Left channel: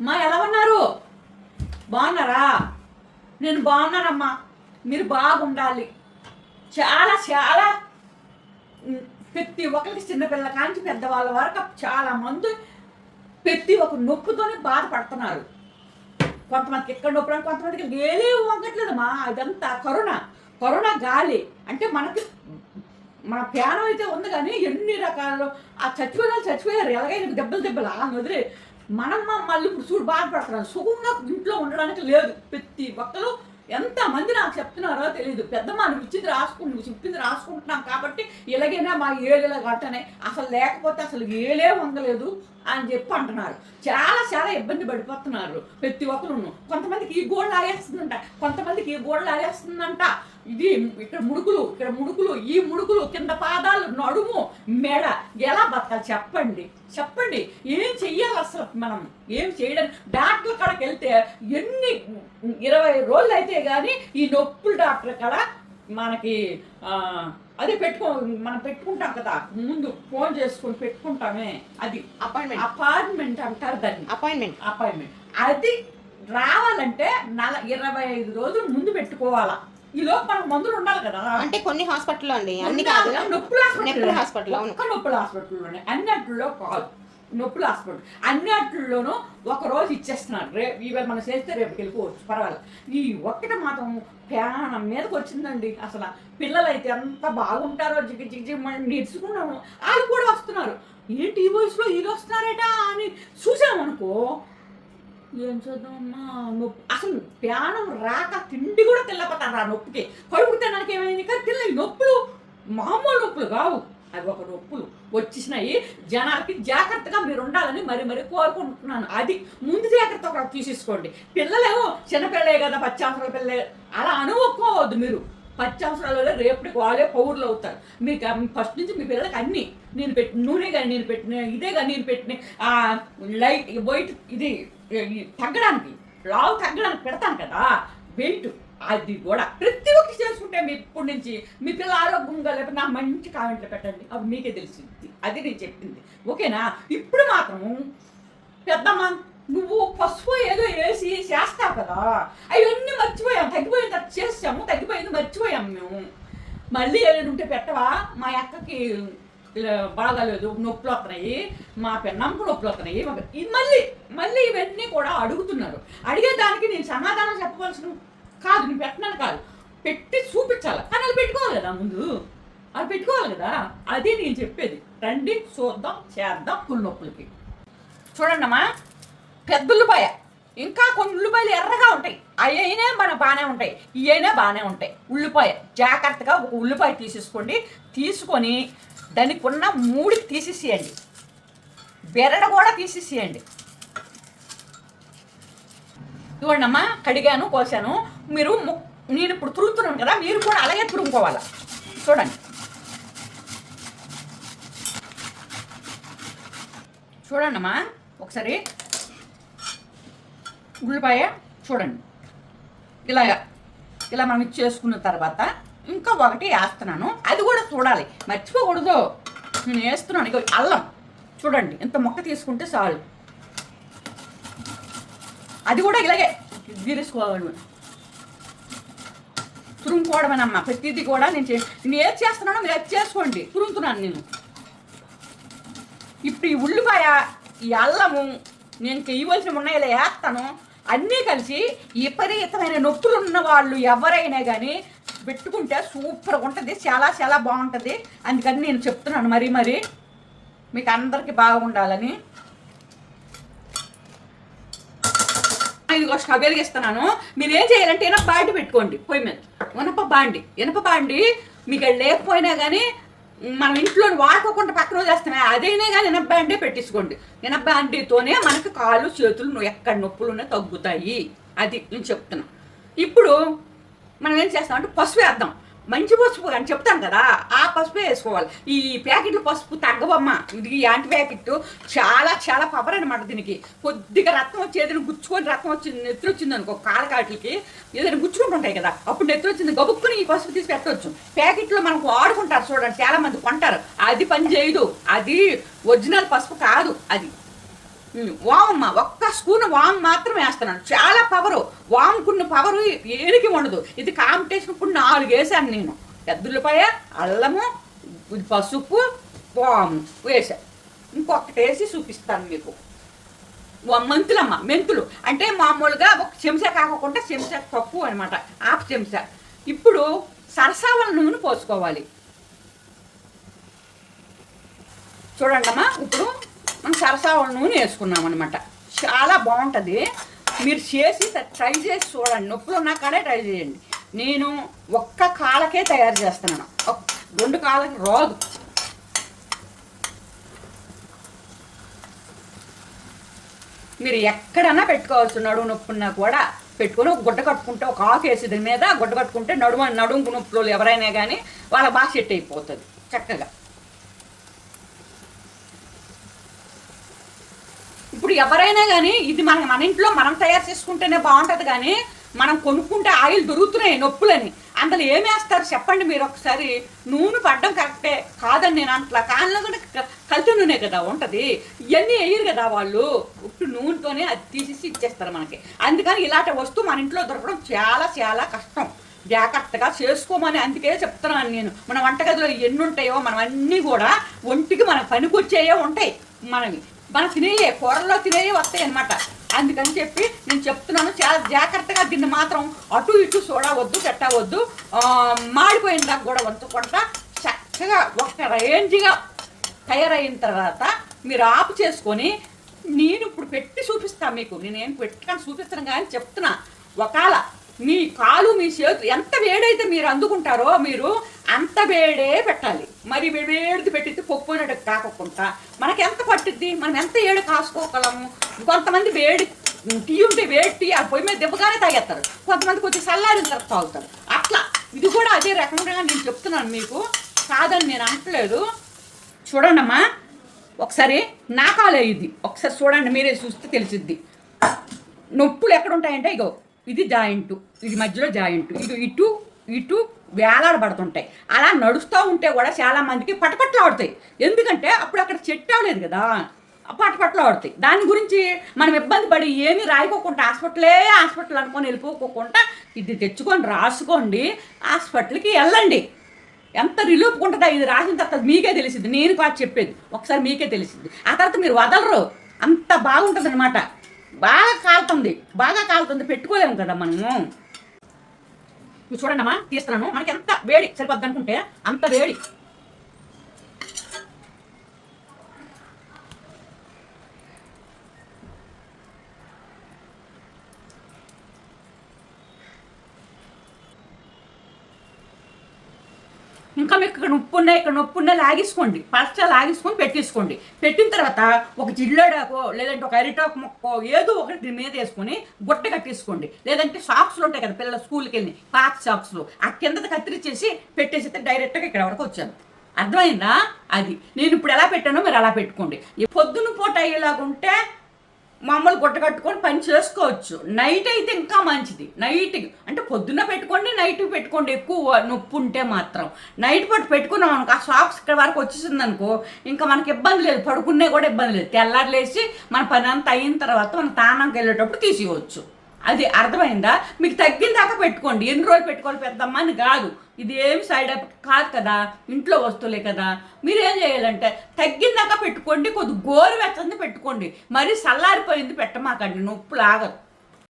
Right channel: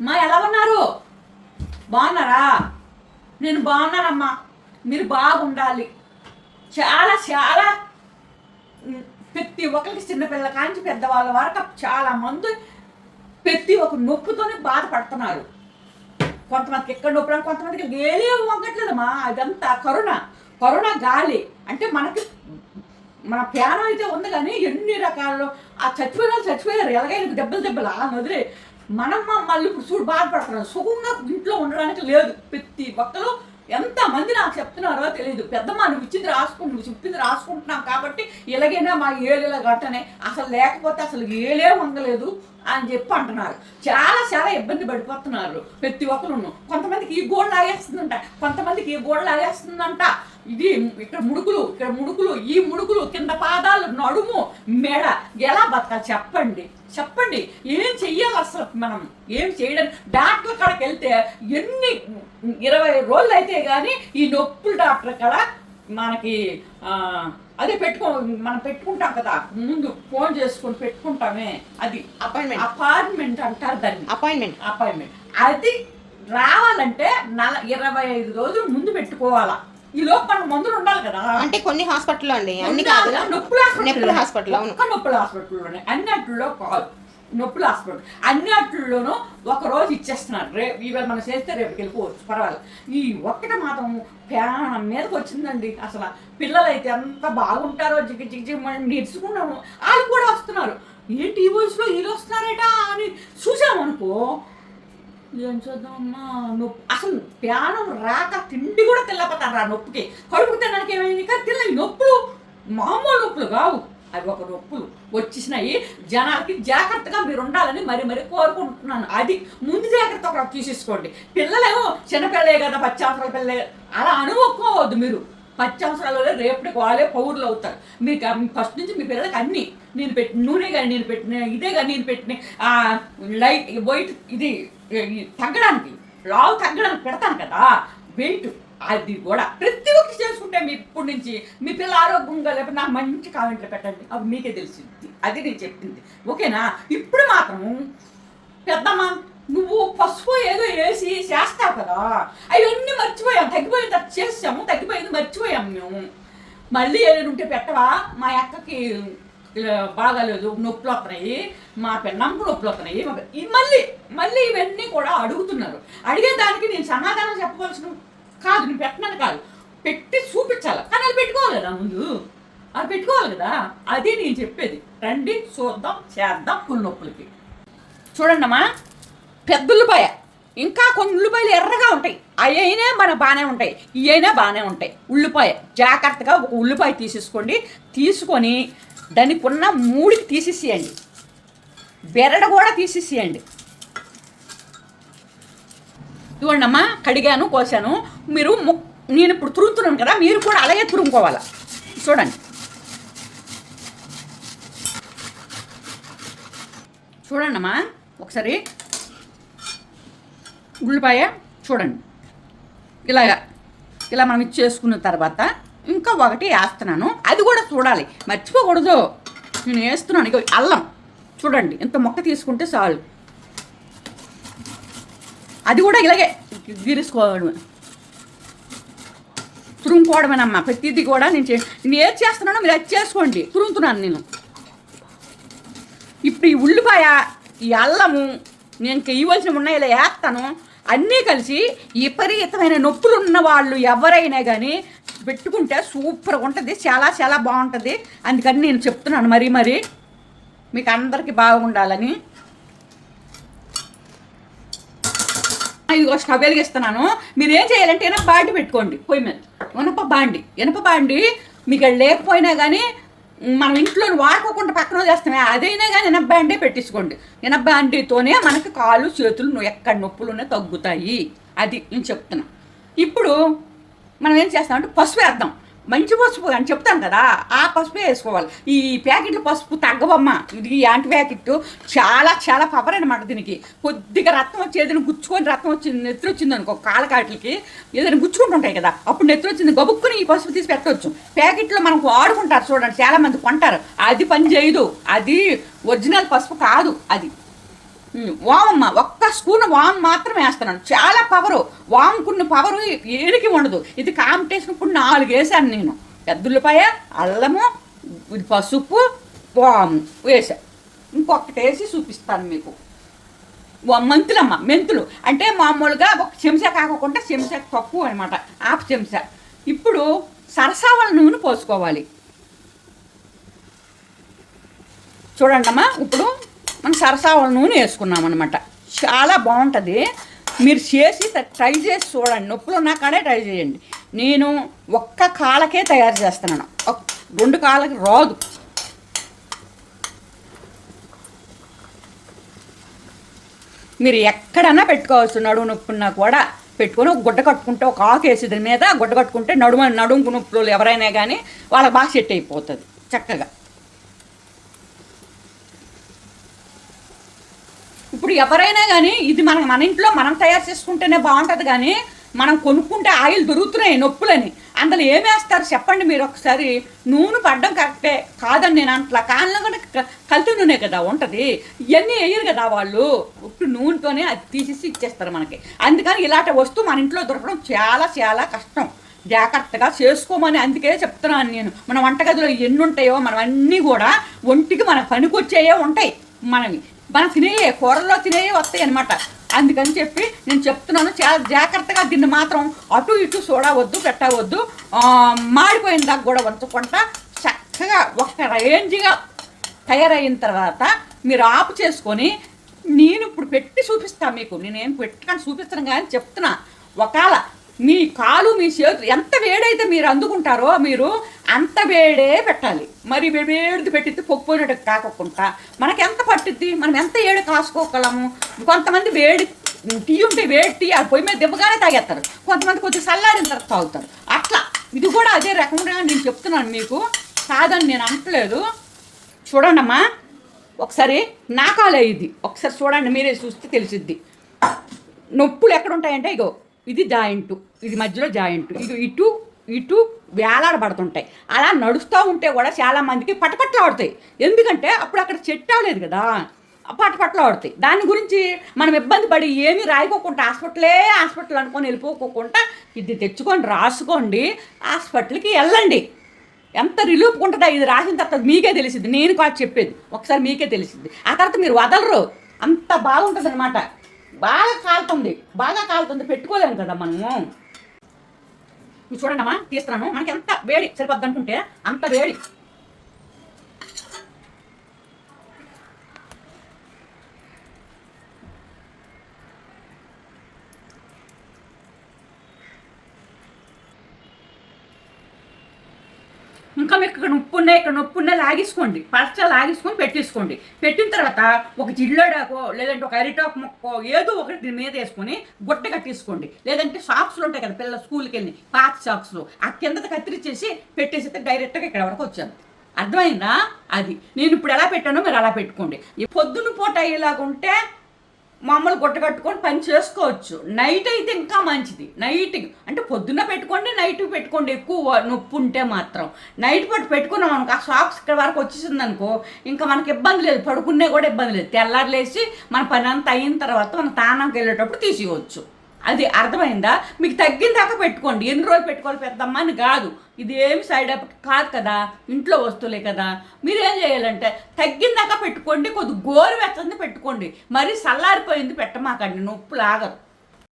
మా ఎలా ఉన్నారు? బాగున్నారా? నేను బాగున్నానమ్మా. మీరు బాగుండాలి. చాలా చాలా ప్రతి ఒక్కరికి చిన్నపిల్ల కాంచి పెద్దవాళ్ళ వరకు చాలా మంది ప్రతి ఒక్క నొప్పుతోనే బాధపడుతున్నారు. కొంతమందికి ఎక్కడ నొప్పి కొంతమందికి ఏలే వంగట్లేదమ్మా అదంతా కరోనా కరోనా గాలి. అంటే మనకి మన ప్యానం అయితే ఉంది కానీ ఎన్ని రకాల్లో ఆ చచ్చిపోయిన చచ్చిపోయారు. ఎలాగైనా దెబ్బలు దెబ్బలు ఆ వదిలే మనం మళ్ళీ ఇప్పుడు చూడు బాధపడుతున్నాం సుఖంగా ఇంట్లో ఉండడానికి లేదు. ప్రతి ఒక్కరు ఎంతమంది నాకు చెప్తున్నారో తెలియదు పెద్దమ్మ నువ్వు ఇచ్చింది రాసుకుంటు నువ్వు చెప్పింది రాసుకుంటున్నాం కాబట్టి ఇలాగైనా మా ఏలిలా గట్టనే అసలు లేకపోతే అసలు ఏలే ఉండలేదు అని చెప్పి అంటున్నారు. చాలా చాలా ఇబ్బంది పడిపోతున్నారు ప్రతి ఒక్కరు కొంతమందికి ఈ గోడ లాగేస్తుందంట కొంతమందికి ఈ గోడ లాగేస్తుందంట ఇది ఇక్కడ ముడుకులు ఇక్కడ ముడుకులు ఈ ముడుకులు కింద పాదాలు నడుము మెడ. ఎలా బతకాలి? చెప్పండి. చెప్పండి. ఏం చెయ్యాలి అసలు మనం? ఏం చేయడానికి డాక్టర్ కాడకి వెళ్తే ఎన్ని ఇరవై రోజులు అయితే కానీ ఈ నొప్పులు డాక్టర్ కాడ మనకి అదే పెట్టుకో మనం పెట్టుకుంటాం కదా. ముందు ఫోన్ చేసుకొని పెట్టుకుంటామే. అది అపాయింట్మెంట్ అపార్ట్మెంట్ అంటారు దాన్ని. అపాయింట్మెంట్ అపాయింట్మెంట్ అది రావాలంటే నల ఇరవై ఐదు రోజులు ముందు పెట్టుకోవాలా. ఈ లోపు మనకు మందులు ఉండాలి కదా. అంటే కొన్ని హాస్పిటల్లో అండి అన్ని కాదు. నొప్పుల హాస్పిటల్ నొప్పుల హాస్పిటల్ అవును. ఒక్క నొప్పుల హాస్పిటల్లోనే అన్నిట్లో కాదు. నొప్పుల హాస్పిటల్. అన్నిట్లోనూ ఒక రోజు ఇచ్చేస్తున్నారు. రేపు ఇవాళ మనం చేస్తే రేపుకి వెళ్ళిపోవచ్చు పర్వాలేదు. ఈ ఒక్కటి మాత్రం ప్రాణం మీదకి వచ్చిందండి. అసలు పిల్లలు అయితే ఎంత బాగుంటారో జిగి జిగి జిగి మనం నేర్చుకున్నాము వాళ్ళు కూడా వస్తున్నారు. ఏంటి ఈ వయసులో వీళ్ళు వస్తున్నారట అని చూసామనుకో ఏం చూద్దామమ్మా? నొప్పి. అసలు ప్రాణం రాక తిండి కూడా తెల్లపోతాను రా నొప్పికి. కడుపు తినడానికి ఏమైంది? కానీ తినలేదు నొప్పులు మామూలు నొప్పులు కావు. అవి ఒక నొప్పులు. వచ్చేసినాయి. జనాలకి జాగ్రత్తగా మీరు ఉండాలని మరి మరి కోరుకుంటున్నాను. అది ముందు జాగ్రత్త ఒక తీసేసుకోండి. పిల్లలేమో చిన్నపిల్లే కదా పచ్చి అవసరాల పిల్లలే. అలా అనుకోవద్దు మీరు. పచ్చి అవసరాలు రేపటికి వాళ్ళే పౌరులు అవుతారు. మీకు ఫస్ట్ నుంచి మీ పిల్లలకి అన్ని. నేను పెట్టిన నూనె కానీ నేను పెట్టిన ఇదే కానీ నేను పెట్టిన లైట్ వైట్ ఇది తగ్గడానికి లావు తగ్గడానికి పెడతాను కదా. వెయిట్ అది కూడా ప్రతి ఒక్కటి చేసుకుంటే మీ ఇప్పటి నుంచి మీ పిల్ల ఆరోగ్యంగా లేకపోతే నాకు మంచి కామెంట్లు పెట్టండి. అవి మీకే తెలిసింది. అది నేను చెప్పింది. ఓకేనా? ఇప్పుడు మాత్రము పెద్దమ్మ నువ్వు పసుపు ఏదో వేసి చేస్తావు కదా. అవన్నీ మర్చిపోయాం. తగ్గిపోయింది అది చేసాము తగ్గిపోయింది మర్చిపోయాం మేము. మళ్ళీ ఏదైనా ఉంటే పెట్టవా? మా అక్కకి బాగాలేదు నొప్పులు వస్తున్నాయి మా పెన్నంకు నొప్పులు వస్తున్నాయి మళ్ళీ మళ్ళీ ఇవన్నీ కూడా అడుగుతున్నారు. అడిగే దానికి నేను సమాధానం చెప్పవలసిన కాదు నేను పెట్టనని కాదు. పెట్టి చూపించాలి. కానీ అది పెట్టుకోవాలి కదా ముందు? అది పెట్టుకోవాలి కదా? అదే నేను చెప్పేది. రండి చూద్దాం చేద్దాం కొన్ని నొప్పులకి. చూడండమ్మా పెద్ద ఉల్లిపాయ. ఇంకా కొన్ని ఉల్లిపాయలు ఎర్రగా ఉంటాయి. అయినా మన బాగానే ఉంటాయి. ఇవైనా బాగానే ఉంటాయి. ఉల్లిపాయ జాగ్రత్తగా ఒక ఉల్లిపాయ తీసేసుకోండి. తీసుకొని దానికి ఉన్న మూడికి తీసేసేయండి. బెరడు కూడా తీసేసేయండి. చూడండమ్మా కడిగాను కోసాను. మీరు ము- నేను ఇప్పుడు తురుముతున్నాను కదా మీరు కూడా అలాగే తురుముకోవాలి? చూడండి. చూడండమ్మా ఒకసారి ఉల్లిపాయ చూడండి. ఇలాగా ఇలా మనం ఇచ్చేసుకున్న తర్వాత ఇంకా ఒకటి వేస్తున్నాను. అది కూడా చూడాలి. మర్చిపోకూడదు. నేను వేస్తున్నాను. ఇక అల్లం. చూడండి ఇంత మొక్క తీసుకుంటే చాలు. అది కూడా ఇలాగే తీసుకోవడమే తురుముకోవడమేనమ్మా. ప్రతిదీ కూడా నేను చే నేను ఏది చేస్తున్నానో మీరు అది చేసుకోండి. తురుముతున్నాను నేను. ఇప్పుడు ఈ ఉల్లిపాయ ఈ అల్లము నేను ఇవ్వాల్సినవి ఉన్నాయి ఇలా వేస్తాను. అన్నీ కలిసి విపరీతమైన నొప్పులు ఉన్న వాళ్ళు ఎవరైనా కానీ పెట్టుకుంటే సూపర్గా ఉంటుంది. చాలా చాలా బాగుంటుంది. అందుకని నేను చెప్తున్నాను మరీ మరి. మీకు అందరికీ బాగుండాలని. ఇదిగో స్టవ్ వెలిగిస్తున్నాను. మీరు ఏం చేయాలంటే ఇనప బాండి పెట్టుకోండి పొయ్యి మీద. ఇనప బాండి. ఇనప బాండి మీకు లేకపోయినా కానీ మనం ఇంట్లో వాడుకోకుండా పక్కన చేస్తున్నాయి అదైనా కానీ ఇనప బాండే పెట్టించుకోండి ఇనప బాండితోనే మనకి కాళ్ళు చేతులు ఎక్కడ నొప్పులు ఉన్నాయి తగ్గుతాయి. అది నేను చెప్తున్నా. ఇప్పుడు మనం ఏం చేస్తామంటే పసుపు వేద్దాం. మంచి పసుపు అని చెప్తాను కదా ఆ పసుపే వేసుకోవాలి. ఈ ప్యాకెట్ పసుపు తగ్గవమ్మ. ఇది ఈ యాంటీ ప్యాకెట్ చాలా చాలా పవర్ అనమాట దీనికి. కొద్దిగా రక్తం వచ్చి ఏదైనా గుచ్చుకొని రక్తం వచ్చింది నెత్తి వచ్చింది అనుకో కాలకాట్లకి ఏదైనా గుచ్చుకుంటుంటాయి కదా అప్పుడు నెత్తి వచ్చింది గబుక్కుని ఈ పసుపు తీసి పెట్టవచ్చు ప్యాకెట్లో మనం వాడుకుంటారు చూడండి చాలా మంది కొంటారు. అది పని చేయదు. అది ఒరిజినల్ పసుపు కాదు. అది వామమ్మ ఒక్క స్పూన్ వామ్ మాత్రం వేస్తున్నాను. చాలా పవరు. వామ్కున్న పవరు ఏడికి ఉండదు. ఇది కాంపిటీషన్ ఇప్పుడు నాలుగు వేసాను నేను. పెద్దలపాయ అల్లము ఇది పసుపు వాము వేసా. ఇంకొకటి వేసి చూపిస్తాను మీకు. మెంతులమ్మ మెంతులు. అంటే మామూలుగా ఒక చెంచా కాకుండా చెంచా తక్కువ అనమాట ఆపు చెంచా. ఇప్పుడు సరసావల నూనె పోసుకోవాలి. చూడండి అమ్మా ఇప్పుడు మనం సరసావల నూనె వేసుకున్నాం అనమాట చాలా బాగుంటుంది. మీరు చేసి ట్రై చేసి చూడండి. నొప్పులు ఉన్నా కానీ ట్రై చేయండి. నేను ఒక్క కాళ్ళకే తయారు చేస్తున్నాను. రెండు కాళ్ళకి రాదు. మీరు ఎక్కడైనా పెట్టుకోవచ్చు నడుము నొప్పున్నా కూడా పెట్టుకొని ఒక గుడ్డ కట్టుకుంటే ఒక ఆకు వేసి దాని మీద గుడ్డ కట్టుకుంటే నడుము నడుము నొప్పులు ఎవరైనా కానీ వాళ్ళకి బాగా సెట్ అయిపోతుంది. చక్కగా. ఇప్పుడు ఎవరైనా కానీ ఇది మనం మన ఇంట్లో మనం తయారు చేసుకుంటేనే బాగుంటుంది కానీ మనం కొనుక్కుంటే ఆయిల్ దొరుకుతున్నాయి నొప్పులని. అందులో ఏమేస్తారు చెప్పండి మీరు ఒకసారి. నూనె పడ్డం కరెక్టే కాదని నేను అంటలా. కానీ కూడా క- కల్తీ నూనె కదా ఉంటుంది. ఇవన్నీ వేయరు కదా వాళ్ళు. ఉట్టు నూనెతోనే అది తీసేసి ఇచ్చేస్తారు మనకి. అందుకని ఇలాంటి వస్తువు మన ఇంట్లో దొరకడం చాలా చాలా కష్టం. జాగ్రత్తగా చేసుకోమని అందుకే చెప్తున్నాను నేను. మన వంటగదిలో ఎన్ని ఉంటాయో మనం అన్నీ కూడా ఒంటికి మన పనికొచ్చేయే ఉంటాయి. మనవి. మనం తినేయే కూరల్లో తినేయే వస్తాయి అనమాట అందుకని చెప్పి నేను చెప్తున్నాను చాలా జాగ్రత్తగా దీన్ని మాత్రం అటు ఇటు చూడవద్దు పెట్టవద్దు మాడిపోయిన దాకా కూడా వంచకుండా చక్కగా ఒక రేంజ్గా తయారైన తర్వాత మీరు ఆపు చేసుకొని నేను ఇప్పుడు పెట్టి చూపిస్తాను మీకు. నేనేం పెట్టుకొని చూపిస్తాను కానీ చెప్తున్నా. ఒకవేళ మీ కాలు మీ చేతులు ఎంత వేడైతే మీరు అందుకుంటారో మీరు అంత వేడే పెట్టాలి. మరి వేడిది పెట్టిద్ది పొక్కుపోయినట్టు కాకుండా మనకి ఎంత పట్టిద్ది? మనం ఎంత ఏడు కాసుకోగలము కొంతమంది వేడి టీ ఉంటే వేడి టీ ఆ పొయ్యి మీద దిబ్బగానే తాగేస్తారు. కొంతమంది కొంచెం చల్లారిన తర్వాత తాగుతారు. అట్లా. ఇది కూడా అదే రకంగా నేను చెప్తున్నాను మీకు. కాదని నేను అనట్లేదు. చూడండమ్మా. ఒకసారి నాకాలే ఇది. ఒకసారి చూడండి మీరే చూస్తే తెలిసిద్ది. నొప్పులు ఎక్కడ ఉంటాయంటే ఇగో ఇది జాయింట్ ఇది మధ్యలో జాయింట్ ఇది ఇటు ఇటు వేలాడబడుతుంటాయి. అలా నడుస్తూ ఉంటే కూడా చాలా మందికి పటపట్లు ఆడుతాయి. ఎందుకంటే అప్పుడు అక్కడ చెట్టు అవలేదు కదా. పటపట్లు ఆడుతాయి. దాని గురించి మనం ఇబ్బంది పడి ఏమీ రాయకోకుండా హాస్పిటలే హాస్పిటల్ అనుకొని వెళ్ళిపోకోకుండా ఇది తెచ్చుకొని రాసుకోండి హాస్పిటల్కి వెళ్ళండి. ఎంత రిలీఫ్ ఉంటుందో ఇది రాసిన తర్వాత మీకే తెలిసింది నేను కాదు చెప్పేది. ఒకసారి మీకే తెలిసింది ఆ తర్వాత మీరు వదలరు. అంత బాగుంటుంది అనమాట బాగా కాలుతుంది బాగా కాలుతుంది పెట్టుకోలేము కదా మనము. చూడండి అమ్మా తీస్తున్నాను. మనకి ఎంత వేడి సరిపోద్ది అనుకుంటే అంత వేడి. ఇంకా మీకు ఇక్కడ ఉప్పు ఉన్నాయి ఇక్కడ నొప్పి ఉన్నాయి లాగేసుకోండి. ఫస్ట్ లాగేసుకొని పెట్టేసుకోండి. పెట్టిన తర్వాత ఒక జిల్లాడాకో లేదంటే ఒక అరిటాకు మొక్కో ఏదో ఒకటి దీని మీద వేసుకొని గుట్ట కట్టేసుకోండి. లేదంటే సాక్స్లు ఉంటాయి కదా పిల్లల స్కూల్కి వెళ్ళి పాత సాక్స్లు ఆ కింద కత్తిరించేసి పెట్టేసి డైరెక్ట్గా ఇక్కడ వరకు వచ్చాను అర్థమైందా? అది. నేను ఇప్పుడు ఎలా పెట్టానో మీరు అలా పెట్టుకోండి. ఈ పొద్దున పూట అయ్యేలాగుంటే మామూలు గుట్ట కట్టుకొని పని చేసుకోవచ్చు. నైట్ అయితే ఇంకా మంచిది. నైట్ అంటే పొద్దున్న పెట్టుకోండి నైట్ పెట్టుకోండి. ఎక్కువ నొప్పి ఉంటే మాత్రం. నైట్ పట్టు పెట్టుకున్నాం అనుకో ఆ సాక్స్ ఇక్కడ వరకు వచ్చేసింది అనుకో ఇంకా మనకి ఇబ్బంది లేదు. పడుకునే కూడా ఇబ్బంది లేదు. తెల్లారులేసి మన పని అంతా అయిన తర్వాత మనం తానానికి వెళ్ళేటప్పుడు తీసేయవచ్చు. అది అర్థమైందా? మీకు తగ్గిన దాకా పెట్టుకోండి. ఎన్ని రోజులు పెట్టుకోవాలి పెద్దమ్మ అని కాదు. ఇది ఏమి సైడ్ ఎఫెక్ట్ కాదు కదా ఇంట్లో వస్తువులే కదా. మీరు ఏం చేయాలంటే తగ్గిందాక పెట్టుకోండి కొద్ది గోరు వెచ్చంది పెట్టుకోండి. మరి చల్లారిపోయింది పెట్టమాకండి నొప్పి లాగదు